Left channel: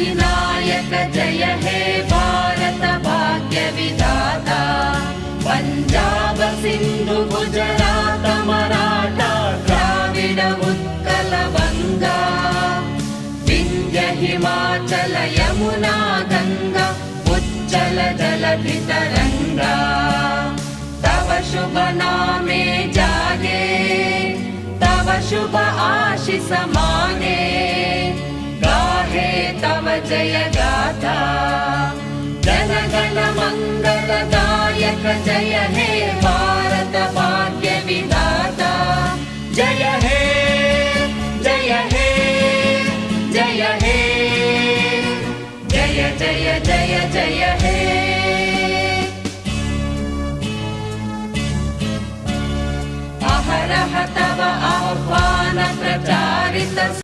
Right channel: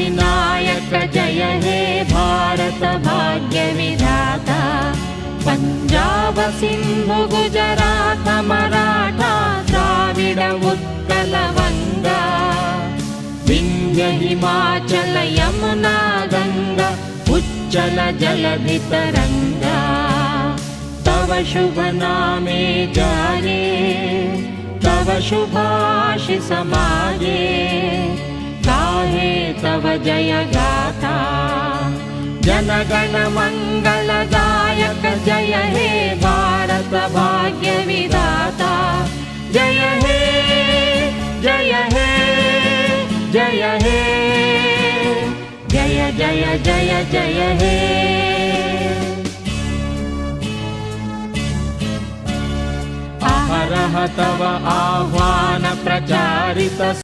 अधिनायक जय हे भारत भाग्य विधाता पंजाब सिंधु गुजरात मराठा द्राविड उत्कल बंगा विंध्य हिमाचल यमुना गंगा उच्चल जलधि तरंगा तव शुभ नामे जाने तव शुभ आशीष माने गाहे तव जय गाथा जन गण मंगलदायक जय हे